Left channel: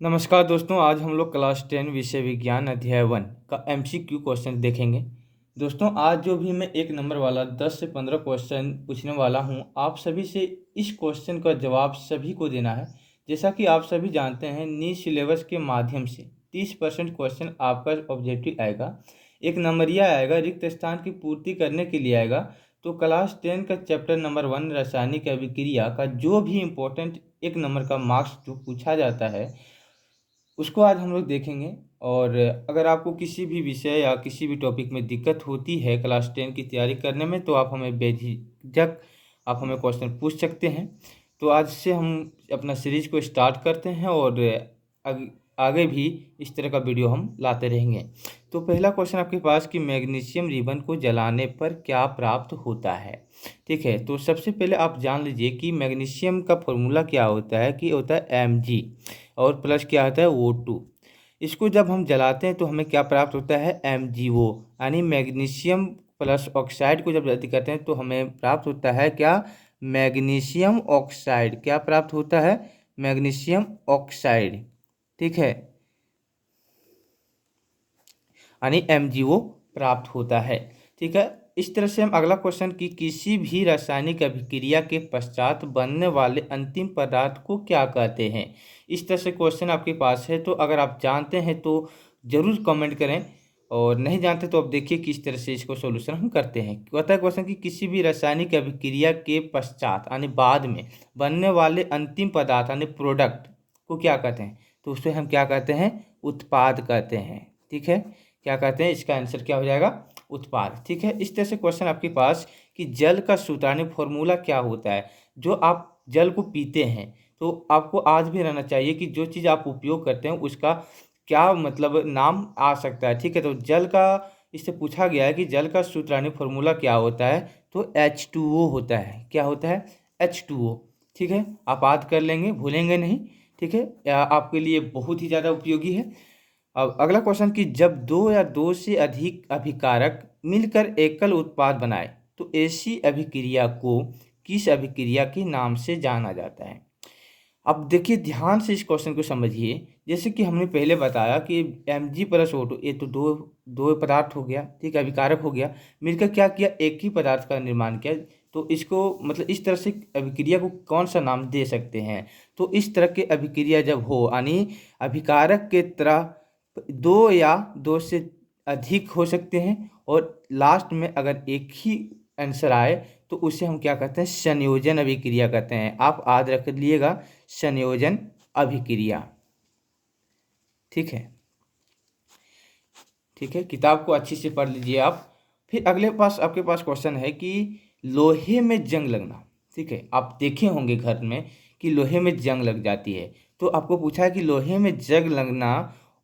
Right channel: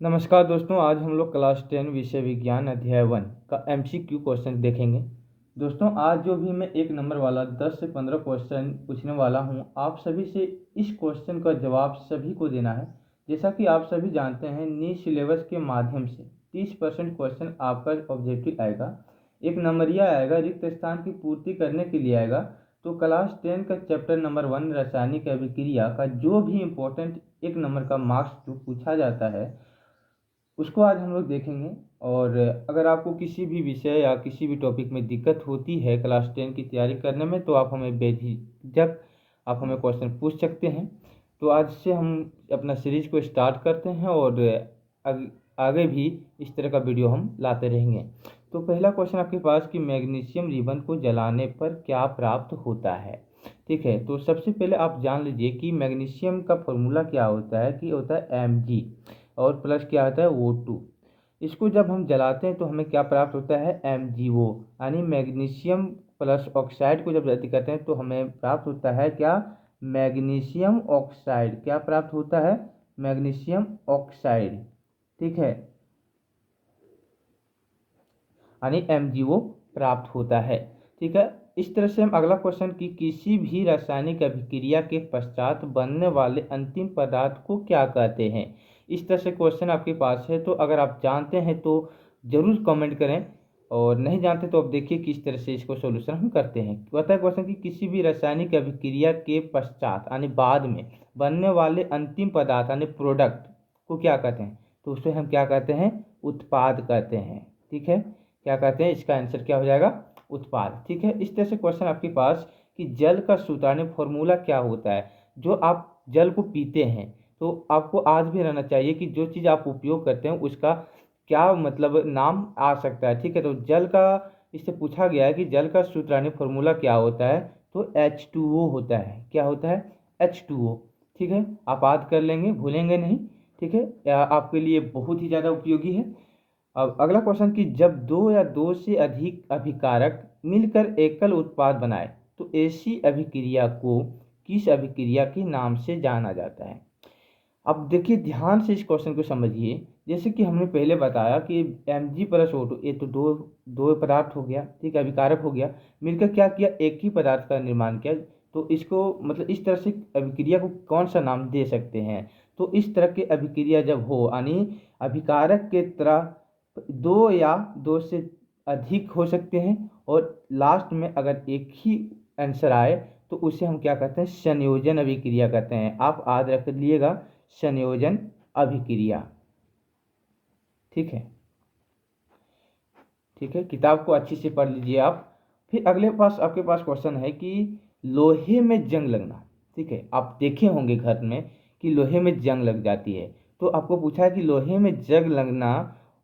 नमस्कार दोस्तों, आज हम लोग क्लास 10 विषय विज्ञान अध्याय 1 का एमसीक्यू क्वेश्चन देखेंगे। दोस्तों, आज जो भी मैं 1 नंबर वाला 10 से 15 क्वेश्चन पूछने वाला हूं, आप सभी से इस क्वेश्चन का जवाब सभी को देना है। जैसा कि आप सभी जानते हैं, नीट सिलेबस के माध्यम से 30% क्वेश्चन आपका ऑब्जेक्टिव आएगा, 1 नंबरिया आएगा, रिक्त स्थान की पूर्ति करने के लिए आएगा। तो क्लास 10 का चैप्टर नंबर 1 रासायनिक अभिक्रिया का जो भी इम्पोर्टेंट 1 नंबर का मार्क्स जो पूछा जाता है उसको आज हम लोग देखेंगे। और अगर आपको किसी भी विषय या किसी भी टॉपिक में दिक्कत होती है क्लास 10 की तैयारी करने में, तो आप हमें बेझिझक आप हमें क्वेश्चन पूछ सकते हैं। तो आज से हम अपना सीरीज को स्टार्ट करते हैं और आगे भी इस तरह का वीडियो हम लाते रहेंगे। तो पहला क्वेश्चन आपके पास कि मैग्नीशियम रिबन को जलाने पर क्या प्राप्त होता है। ठीक है, तो सबसे पहले आप जान लीजिए कि मैग्नीशियम का फॉर्मूला क्या होता है कि होता है Mg और प्लस क्या होता है O2। इसको जब हम जलाते हैं तो हमें क्या प्राप्त होता है MgO, यानी मैग्नीशियम प्लस ऑक्साइड को जब जल्दी करते हैं तो हमें प्राप्त होता है क्या, मैग्नीशियम ऑक्साइड। क्या प्राप्त होता है, मैग्नीशियम ऑक्साइड। ठीक है, यानी MgO प्राप्त होता है। ठीक है, इस तरह से हम अगला क्वेश्चन की किसी भी रासायनिक अभिक्रिया के पश्चात बनने वाले अंतिम पदार्थ को क्या कहते हैं। इस तरह से क्वेश्चन आपके पास है, तो अगर आप जानते हैं तो ज़रूर कमेंट करें, और नहीं जानते तो अब देखिए किस तरह से इसको सॉल्यूशन हम करते हैं। कहता है क्वेश्चन कि किसी भी रासायनिक अभिक्रिया के पश्चात यानी बाद में बनने वाले अंतिम पदार्थ यानी प्रोडक्ट को क्या कहते हैं, तो उसे हम क्या कहते हैं, उत्पाद कहते हैं। ठीक है, क्या कहते हैं, इसका आंसर क्या हो जाएगा, उत्पाद। ठीक है, इस तरह से क्वेश्चन आपके पास कि जल का सूत्रानी फॉर्मूला क्या होता है। जो आप जल को पीते हैं तो आपको आज भी रहना चाहिए कि जो चीज़ आप उपयोग करते हैं उसका क्या मतलब नाम आ सकता है। ठीक है, तो जल का इससे पूछा गया है कि जल का सूत्रानी फॉर्मूला क्या होता है, तो H2O होता है। क्या होता है, H2O। ठीक है, आप याद कर लेंगे, भूलेंगे नहीं। ठीक है, आपके लिए बहुत ही ज़्यादा उपयोगी है। अब अगला क्वेश्चन कि जब दो या दो से अधिक अभिकारक मिलकर एकल उत्पाद बनाए तो ऐसी अभिक्रिया को किस अभिक्रिया के नाम से जाना जाता है। अब देखिए ध्यान से इस क्वेश्चन को समझिए। जैसे कि हमने पहले बताया कि Mg+O2 ये तो दो दो पदार्थ हो गया, ठीक है, अभिकारक हो गया, मिलकर क्या किया, एक ही पदार्थ का निर्माण किया। तो इसको मतलब इस तरह से अभिक्रिया को कौन सा नाम दे सकते हैं, तो इस तरह के अभिक्रिया जब हो यानी अभिकारक के तरह दो या दो से अधिक हो सकते हैं, और लास्ट में अगर एक ही आंसर आए तो उसे हम क्या कहते हैं, संयोजन अभिक्रिया कहते हैं। आप याद रख लीजिएगा, संयोजन अभिक्रिया। ठीक है, ठीक है, किताब को अच्छी से पढ़ लीजिए आप। फिर अगले पास आपके पास क्वेश्चन है कि लोहे में जंग लगना। ठीक है, आप देखे होंगे घर में कि लोहे में जंग लग जाती है, तो आपको पूछा है कि लोहे में जंग लगना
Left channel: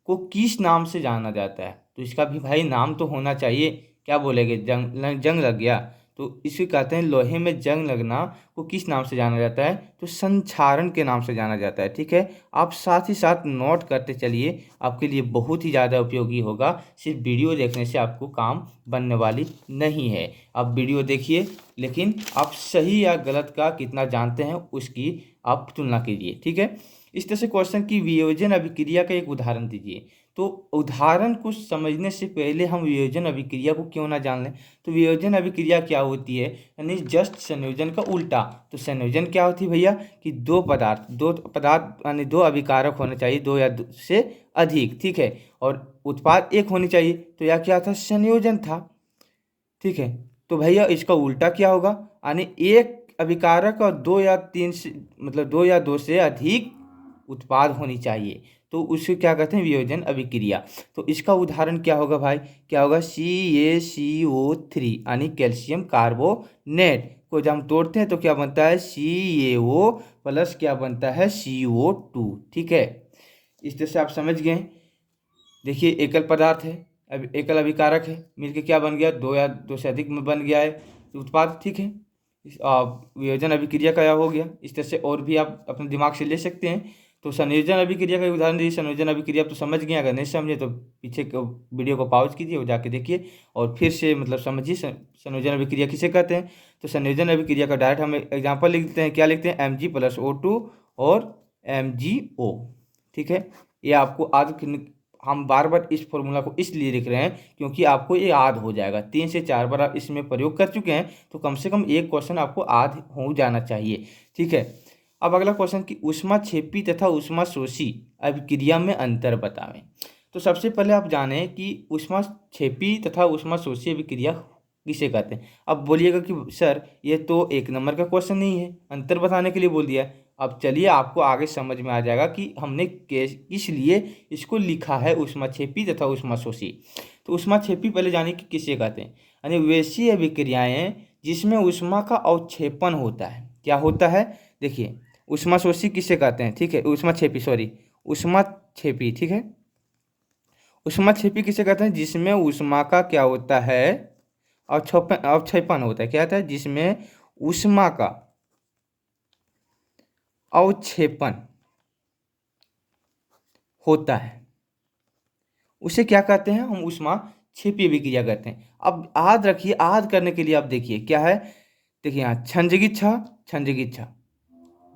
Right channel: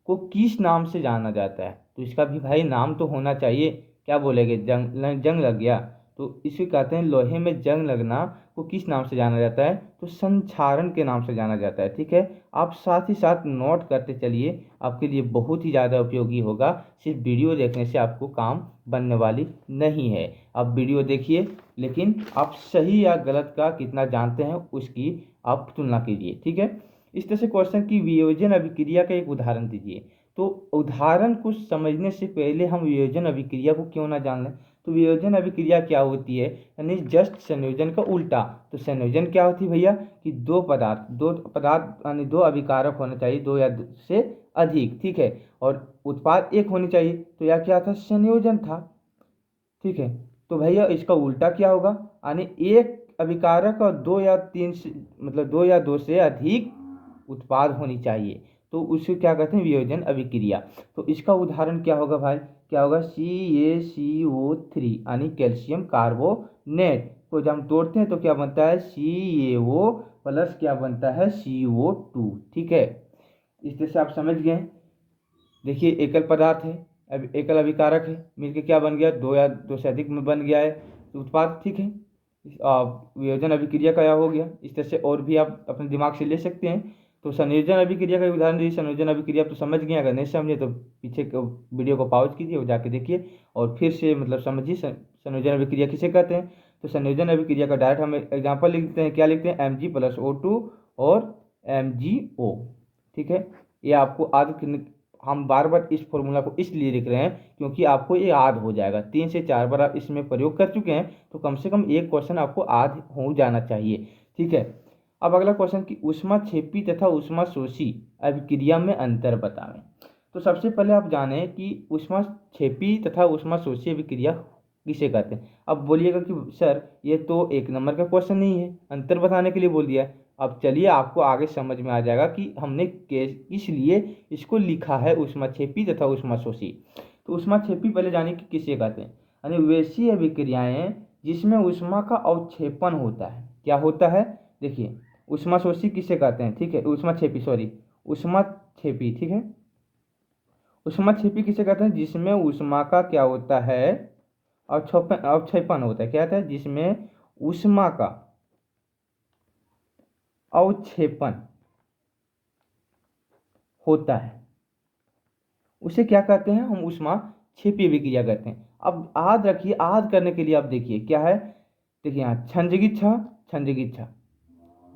को किस नाम से जाना जाता है। तो इसका भी भाई नाम तो होना चाहिए। क्या बोलेंगे, जंग जंग लग गया, तो इसे कहते हैं लोहे में जंग लगना को किस नाम से जाना जाता है, तो संक्षारण के नाम से जाना जाता है। ठीक है, आप साथ ही साथ नोट करते चलिए, आपके लिए बहुत ही ज़्यादा उपयोगी होगा। सिर्फ वीडियो देखने से आपको काम बनने वाली नहीं है। आप वीडियो देखिए, लेकिन आप सही या गलत का कितना जानते हैं उसकी आप तुलना कीजिए। ठीक है, इस तरह से क्वेश्चन की वियोजन अभिक्रिया का एक उदाहरण दीजिए। तो उदाहरण को समझने से पहले हम वियोजन अभिक्रिया को क्यों ना जान लें। तो वियोजन अभिक्रिया क्या होती है, यानी जस्ट संयोजन का उल्टा। तो संयोजन क्या होती है भैया, कि दो पदार्थ यानी दो अभिकारक होने चाहिए, दो या दो से अधिक। ठीक है, और उत्पाद एक होनी चाहिए, तो यह क्या था, संयोजन था। ठीक है, तो भैया इसका उल्टा क्या होगा, यानी एक अभिकारक और दो या तीन से मतलब दो या दो से अधिक उत्पाद होनी चाहिए, तो उसे क्या कहते हैं, वियोजन अभिक्रिया। तो इसका उदाहरण क्या होगा भाई, क्या होगा, CaCO3 यानी कैल्शियम कार्बोनेट को जब हम तोड़ते हैं तो क्या बनता है, CaO प्लस क्या बनता है, CO2। ठीक है, इस तरह से आप समझ गए। देखिए एकल पदार्थ है, अब एकल अभिकारक है, मिलके क्या बन गया, दो या दो से अधिक में बन गया है उत्पाद। ठीक है, वियोजन अभिक्रिया का यह हो गया। इस तरह से और भी आप अपने दिमाग से ले सकते हैं। तो संयोजन अभिक्रिया का उदाहरण दीजिए। संयोजन अभिक्रिया तो समझ गए, अगर नहीं समझे तो पीछे वीडियो को पॉज कीजिए और जाके देखिए और फिर से मतलब समझिए संयोजन अभिक्रिया किसे कहते हैं। तो संयोजन अभिक्रिया का डायरेक्ट हम एग्जाम्पल लिख देते हैं। क्या लिखते हैं, Mg+O2 और MgO। ठीक है। ये आपको हम बार बार इस फॉर्मूला को इसलिए लिख रहे हैं क्योंकि आपको ये याद हो जाएगा। 3 से 4 बार आप इसमें प्रयोग कर चुके हैं तो कम से कम एक क्वेश्चन आपको याद हो जाना चाहिए, ठीक है। अब अगला क्वेश्चन कि ऊष्माक्षेपी तथा ऊष्माशोषी अभिक्रिया में अंतर बतावें। तो सबसे पहले आप जानें कि ऊष्माक्षेपी तथा ऊष्माशोषी अभिक्रिया किसे कहते हैं। अब बोलिएगा कि सर ये तो 1 नंबर का क्वेश्चन नहीं है, अंतर बताने के लिए बोल दिया। अब चलिए आपको आगे समझ में आ जाएगा कि हमने किस लिए इसको लिखा है ऊष्माक्षेपी तथा ऊष्माशोषी। तो ऊष्माक्षेपी पहले जाने कि किसे कहते हैं, यानी वैसी अभिक्रियाएं जिसमें ऊष्मा का अवक्षेपण होता है। क्या होता है, देखिए ऊष्माशोषी किसे कहते हैं, ठीक है, ऊष्माक्षेपी सॉरी ऊष्माक्षेपी, ठीक है। ऊष्माक्षेपी किसे कहते हैं, जिसमें ऊष्मा का क्या होता है, अवक्षेपण होता है। क्या होता है, जिसमें ऊष्मा का अवक्षेपण होता है, उसे क्या कहते हैं, हम ऊष्माक्षेपी अभिक्रिया कहते हैं। अब याद रखिए, याद करने के लिए आप देखिए क्या है, देखिए यहाँ क्षंजगी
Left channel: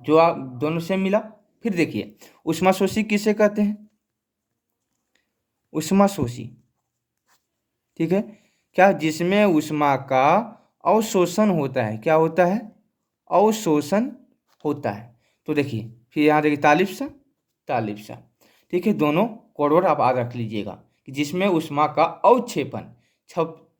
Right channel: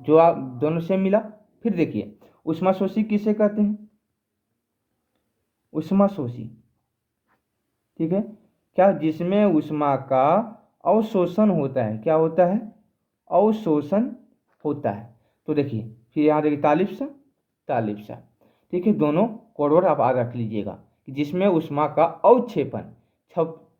जो आप दोनों से मिला। फिर देखिए ऊष्माशोषी किसे कहते हैं, ऊष्माशोषी, ठीक है, क्या, जिसमें ऊष्मा का अवशोषण होता है। क्या होता है, अवशोषण होता है। तो देखिए फिर यहाँ देखिए तालिप्सा, ठीक है, दोनों कोड आप याद रख लीजिएगा कि जिसमें ऊष्मा का अवक्षेपण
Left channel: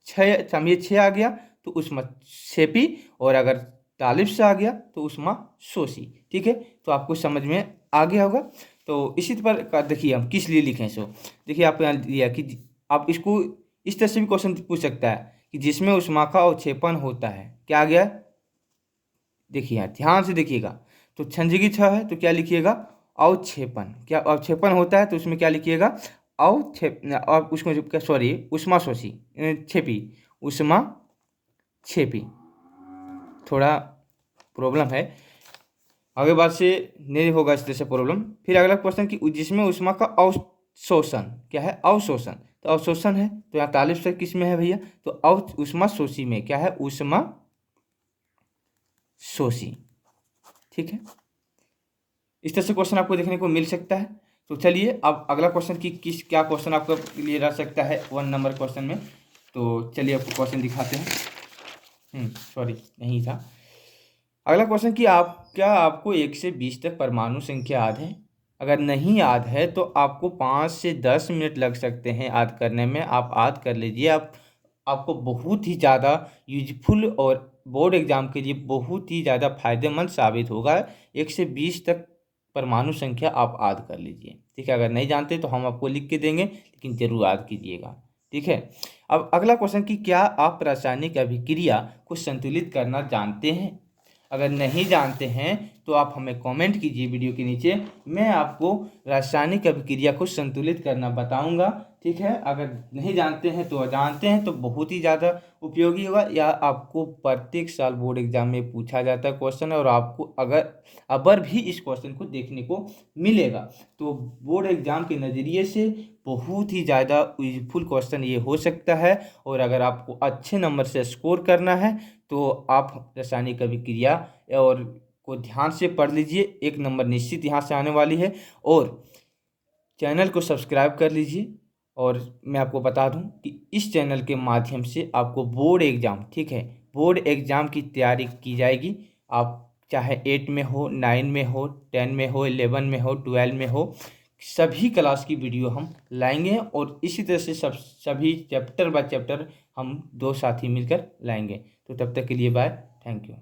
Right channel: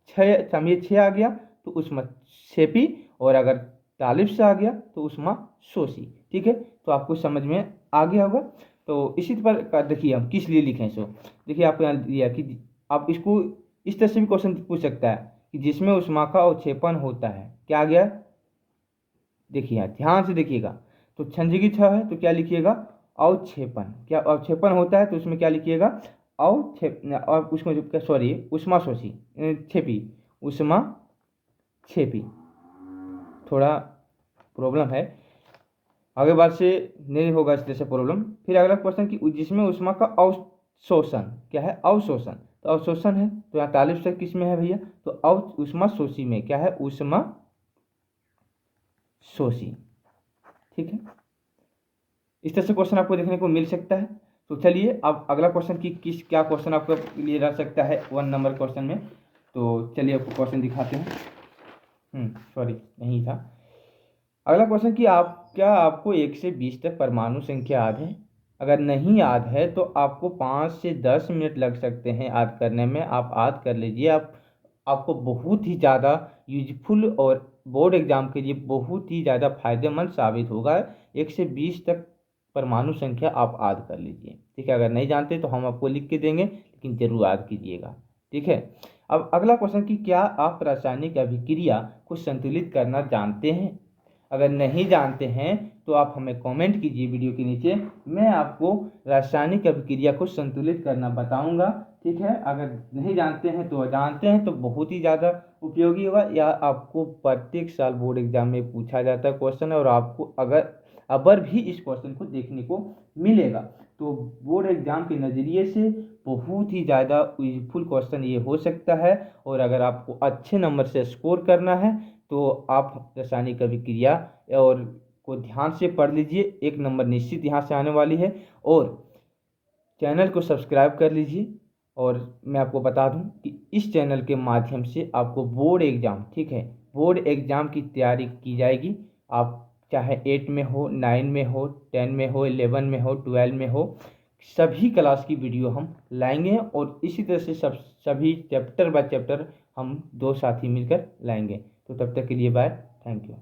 छः आ गया तो ऊष्माक्षेपी, और अगर तालिप्सा आ गया तो ऊष्माशोषी, ठीक है। तो आपको समझ में आ गया होगा। तो इसी प्रकार देखिए हम किस लिए लिखें सो, देखिए आपको यहाँ दिया कि आप इसको इस तरह से भी क्वेश्चन पूछ सकता है कि जिसमें ऊष्मा का अवक्षेपण होता है। क्या आ गया, देखिए यहाँ ध्यान से देखिएगा, तो क्षंजगी है तो क्या लिखिएगा, अवक्षेपण। क्या अवक्षेपण होता है तो उसमें क्या लिखिएगा, और उसमें जो क्या सॉरी ऊष्माशोषी ऊष्माक्षेपी। थोड़ा प्रॉब्लम है, आगे बात से नहीं होगा इस तरह से प्रॉब्लम। फिर अगला क्वेश्चन कि जिसमें ऊष्मा का अवशोषण, क्या है, अवशोषण, तो अवशोषण है तो यहाँ तालिब से किस में है भैया, तो ऊष्माशोषी में। क्या है, ऊष्माशोषी, ठीक है। इस तरह से क्वेश्चन आपको देखने को मिल सकता है। तो चलिए अब अगला क्वेश्चन की क्या क्वेश्चन आपका लिए रह सकता है 1 नंबर क्वेश्चन में। तो चलिए आपको क्वेश्चन दिखाते हैं। सॉरी नहीं था। अगला क्वेश्चन कि क्या आपको 1 से 20 तक परमाणु संख्या याद है। अगर नहीं याद है तो आपको 5 से 10 मिनट लग सकते हैं याद करने में। आप याद कर लीजिए, आपको बहुत ही ज़्यादा यूजफुल और बोर्ड एग्जाम के लिए बहुत ही ज़्यादा फायदेमंद साबित होगा। 1 से 20 तक परमाणु संख्या आप याद कर लीजिए, ठीक है। अगर नहीं जानते तो हम आपको लिख के देंगे, लेकिन जरूर याद कीजिएगा, ठीक है। अब अगला क्वेश्चन कि क्या आप रासायनिक अभिक्रिया को संतुलित करना जानते हैं। अगर नहीं जानते हैं तो आप हमें कमेंट कीजिए वीडियो के नीचे, मैं आपको रासायनिक अभिक्रिया को संतुलित करना बताऊंगा, ठीक है। अगर नहीं जानते हैं तो जानते हैं तो बहुत ही ज़्यादा उपयोगी होगा। या आपको प्रत्येक साल बोर्ड एग्जाम में पूछा जाता है क्वेश्चन है, और आपको अगर भी इस क्वेश्चन को देखने को मिलेगा तो बोर्ड एग्जाम के नज़रिए से बहुत ही ज़्यादा यूजफुल क्वेश्चन ये हो सकता है। और अगर आपको अच्छे नंबर से स्कोर करना है तो आप रासायनिक अभिक्रिया और को ध्यान से पढ़ लीजिए, 1 नंबर निश्चित यहाँ से आने वाली है। और चैनल को सब्सक्राइब कर लीजिए। और मैं आपको बता दूं कि इस चैनल के माध्यम से आपको बोर्ड एग्ज़ाम, ठीक है, बोर्ड एग्ज़ाम की तैयारी की जाएगी। आप चाहे 8 में हो, 9 में हो, 10 में हो, 11 में हो, 12 में हो, सभी क्लास की वीडियो हम लाएंगे। और इसी तरह से सभी चैप्टर बाय चैप्टर हम 2 साथी मिलकर लाएंगे। तो तब तक के लिए बाय, थैंक यू।